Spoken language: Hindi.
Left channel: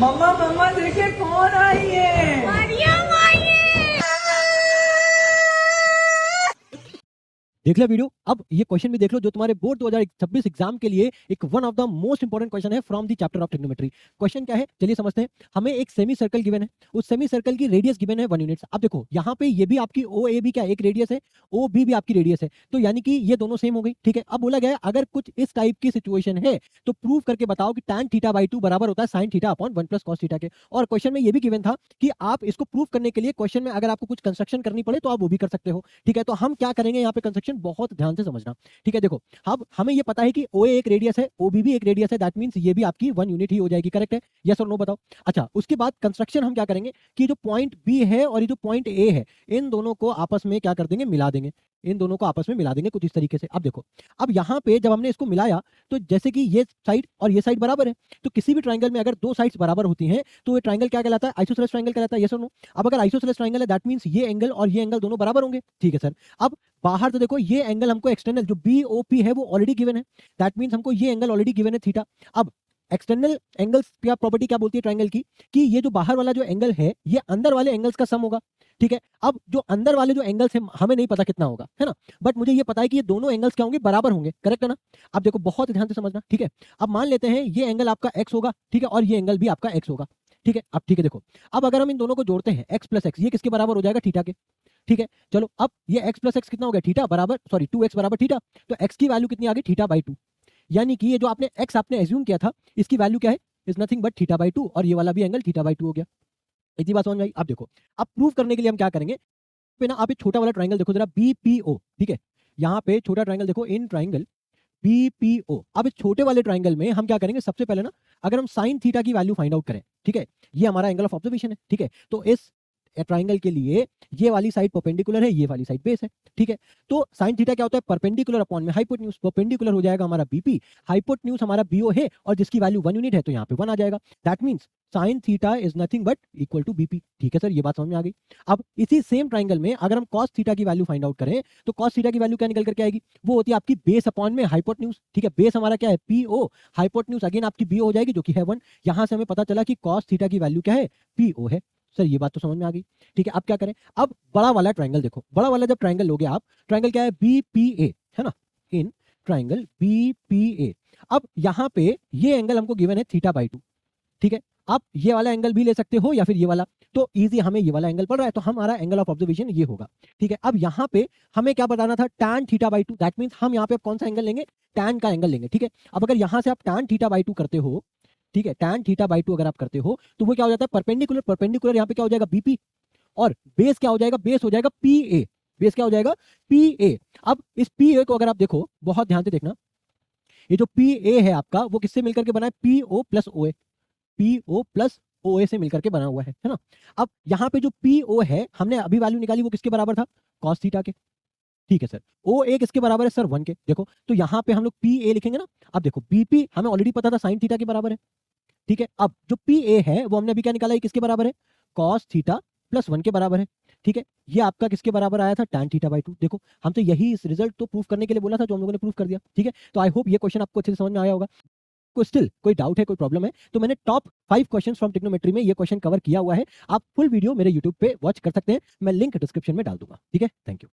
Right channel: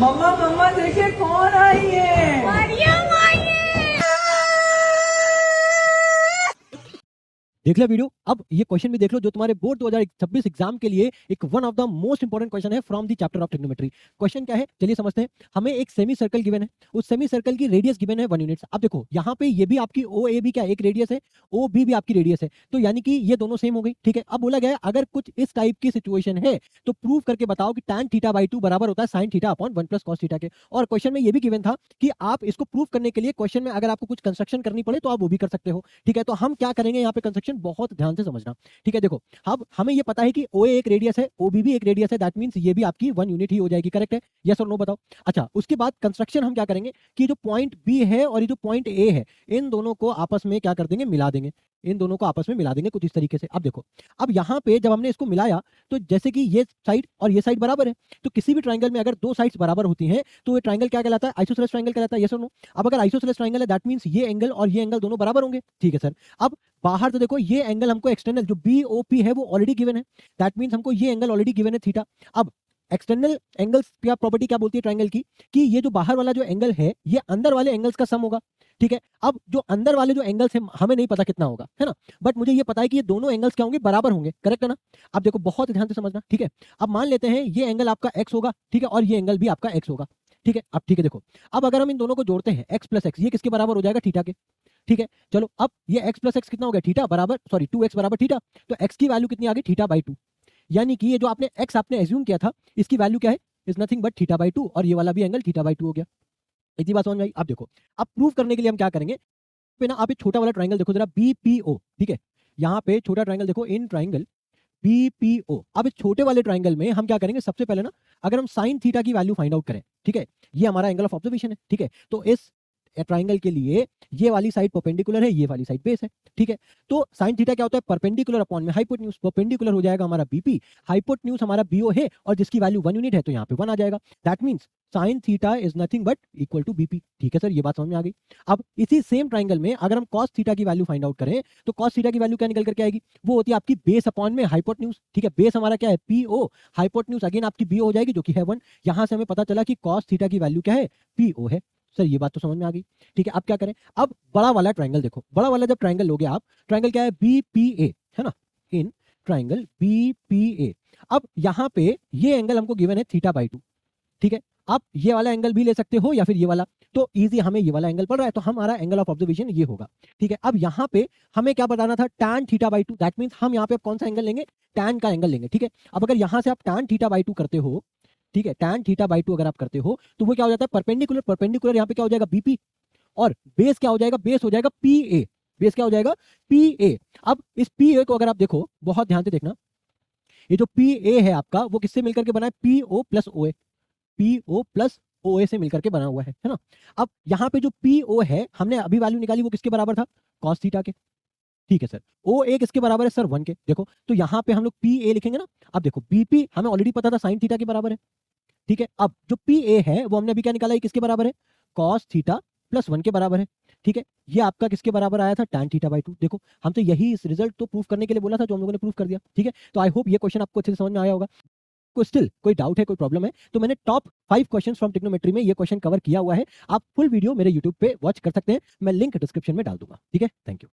मम्मा मम्मा देखिए कौन आई है। मरियम आई है। देख लिया वीडियो। अब ये क्वेश्चन भी देख लो जो तुम्हारे बोर्ड 2026 एग्जाम के लिए एक one of the most important question है from the chapter of trigonometry. Question क्या है चलिए समझते हैं। हमें एक सेमी सर्कल गिवन है, उस सेमी सर्कल की रेडियस गिवन है 1 यूनिट। अब देखो यहाँ पे ये भी आपकी ओ ए बी क्या एक रेडियस है, ओ बी भी आपकी रेडियस है, तो यानी कि ये दोनों सेम हो गई। ठीक है, अब बोला गया है अगर कुछ इस टाइप की सिचुएशन है तो प्रूव करके बताओ कि tan थीटा बाई 2 बराबर होता है sin theta upon 1 plus cos theta के। और क्वेश्चन में ये भी गिवन था कि आप इसको प्रूव करने के लिए क्वेश्चन में अगर आपको कुछ कंस्ट्रक्शन करनी पड़े तो आप वो भी कर सकते हो। ठीक है, तो हम क्या करेंगे यहाँ पे कंस्ट्रक्शन, दोस्तों ध्यान से समझना। ठीक है, देखो अब हमें ये पता है कि OA एक रेडियस है, OB भी एक रेडियस है, दैट मींस ये भी आपकी 1 यूनिट ही हो जाएगी। करेक्ट है, यस और नो बताओ। अच्छा, उसके बाद कंस्ट्रक्शन हम क्या करेंगे कि जो पॉइंट B है और ये जो पॉइंट A है, इन दोनों को आपस में क्या कर देंगे, मिला देंगे। इन दोनों को आपस में मिला देंगे कुछ इस तरीके से। अब देखो, अब यहाँ पे जब हमने इसको मिलाया तो जैसे कि ये साइड और ये साइड बराबर है, तो किसी भी ट्रायंगल में अगर दो साइड्स बराबर होती हैं तो ये ट्रायंगल क्या कहलाता है, आइसोसेलेस ट्रायंगल कहलाता है। यस और नो। अब अगर आइसोसेलेस ट्रायंगल है दैट मींस ये एंगल और ये एंगल दोनों बराबर होंगे। ठीक है सर। अब बाहर तो देखो ये एंगल हमको एक्सटर्नल जो BOP है वो ऑलरेडी गिवन है, दैट मींस हमको ये एंगल ऑलरेडी गिवन है थीटा। अब एक्सटर्नल एंगल क्या प्रॉपर्टी क्या बोलती है ट्रायंगल की कि ये जो बाहर वाला जो एंगल है ये अंदर वाले एंगल्स का सम होगा। ठीक है, अब जो अंदर वाले जो एंगल्स हैं हमें नहीं पता कितना होगा, है ना, बट मुझे ये पता है कि ये दोनों एंगल्स क्या होंगे, बराबर होंगे। करेक्ट है ना। अब देखो बहुत ध्यान से समझना। ठीक है, अब मान लेते हैं ये एंगल आपका x होगा, ठीक है, और ये एंगल भी आपका x होगा। ठीक है, अब ठीक है देखो, अब अगर हम इन दोनों को जोड़ते हैं x प्लस एक्स, ये किसके बराबर हो जाएगा, थीटा के। ठीक है, चलो अब ये x प्लस एक्स कितना हो गया, थीटा बराबर, सॉरी 2x बराबर थीटा, तो x की वैल्यू कितनी आ गई, थीटा बाई 2। यानी कि ये जो आपने x आपने एज्यूम किया था इसकी वैल्यू क्या है, is nothing but theta by 2, और ये वाला भी एंगल थीटा बाई 2 हो गया। इतनी बात समझ में आई। अब देखो, अब प्रूव करने के लिए हम क्या करेंगे, पे ना आप एक छोटा वाला ट्रायंगल देखो जरा, BPO। ठीक है, यहाँ पे छोटा ट्रायंगल देखो, इन ट्रायंगल BPO। अब इस छोटे वाले ट्रायंगल में हम क्या करेंगे, सबसे पहले ना अगर हम साइन थीटा की वैल्यू फाइंड आउट करें, ठीक है, ये हमारा एंगल ऑफ ऑब्जर्वेशन है। ठीक है, तो इस ट्रायंगल के लिए ये वाली साइड परपेंडिकुलर है, ये वाली साइड बेस है। ठीक है, तो साइन थीटा क्या होता है, परपेंडिकुलर अपॉन में हाइपोटेन्यूज, परपेंडिकुलर हो जाएगा हमारा BP, हाइपोटेन्यूज हमारा BO है और जिसकी वैल्यू 1 यूनिट है तो यहाँ पे 1 आ जाएगा। That means sine theta is nothing but equal to BP। ठीक है सर, ये बात समझ में आ गई। अब इसी सेम ट्रायंगल में अगर हम cos थीटा की वैल्यू फाइंड आउट करें तो cos थीटा की वैल्यू क्या निकल करके आएगी, वो होती है आपकी बेस अपॉन में हाइपोटेन्यूज। ठीक है, बेस हमारा क्या है, PO, हाइपोटेन्यूज अगेन आपकी BO हो जाएगी जो कि है 1। यहाँ से हमें पता चला कि cos थीटा की वैल्यू क्या है, PO है। सर ये बात तो समझ में आ गई। ठीक है, अब क्या करें, अब बड़ा वाला ट्रायंगल देखो, बड़ा वाला जब ट्रायंगल लोगे आप, ट्रायंगल क्या है, BPA, है ना, इन ट्रायंगल BPA। अब यहाँ पे ये एंगल हमको गिवन है थीटा बाई 2। ठीक है, आप ये वाला एंगल भी ले सकते हो या फिर ये वाला, तो इजी हमें ये वाला एंगल पड़ रहा है तो हमारा एंगल ऑफ ऑब्जर्वेशन ये होगा। ठीक है, अब यहाँ पे हमें क्या बताना था, tan theta by 2, that means हम यहाँ पे अब कौन सा एंगल लेंगे, tan का एंगल लेंगे। ठीक है, अब अगर यहाँ से आप tan थीटा बाई 2 करते हो, ठीक है, tan थीटा बाई 2 अगर आप करते हो तो वो क्या हो जाता है, परपेंडिकुलर, परपेंडिकुलर यहाँ पे क्या हो जाएगा, BP, और बेस क्या हो जाएगा, बेस हो जाएगा PA, बेस क्या हो जाएगा, PA। अब इस PA को अगर आप देखो, बहुत ध्यान से देखना, ये जो PA है आपका वो किससे मिलकर के बना है, PO plus OA, PO plus OA से मिलकर के बना हुआ है ना। अब यहाँ पे जो PO है हमने अभी वैल्यू निकाली वो किसके बराबर था, cos थीटा के। ठीक है सर, OA किसके बराबर है सर, 1 के। देखो तो यहाँ पे हम लोग PA लिखेंगे ना। अब देखो BP हमें ऑलरेडी पता था sin थीटा के बराबर है। ठीक है, अब जो PA है वो हमने अभी क्या निकाला है, किसके बराबर है, cos थीटा प्लस 1 के बराबर है। ठीक है, ये आपका किसके बराबर आया था, tan थीटा बाई 2। देखो हमसे यही इस रिजल्ट तो प्रूफ करने के लिए बोला था जो हम लोगों ने प्रूफ कर दिया। ठीक है, तो आई होप ये क्वेश्चन आपको अच्छे से समझ में आया होगा। कोई स्टिल कोई डाउट है, कोई प्रॉब्लम है तो मैंने टॉप 5 क्वेश्चन फ्रॉम ट्रिग्नोमेट्री में ये क्वेश्चन कवर किया हुआ है। आप फुल वीडियो मेरे यूट्यूब पे वॉच कर सकते हैं, मैं लिंक डिस्क्रिप्शन में डाल दूंगा। ठीक है, थैंक यू।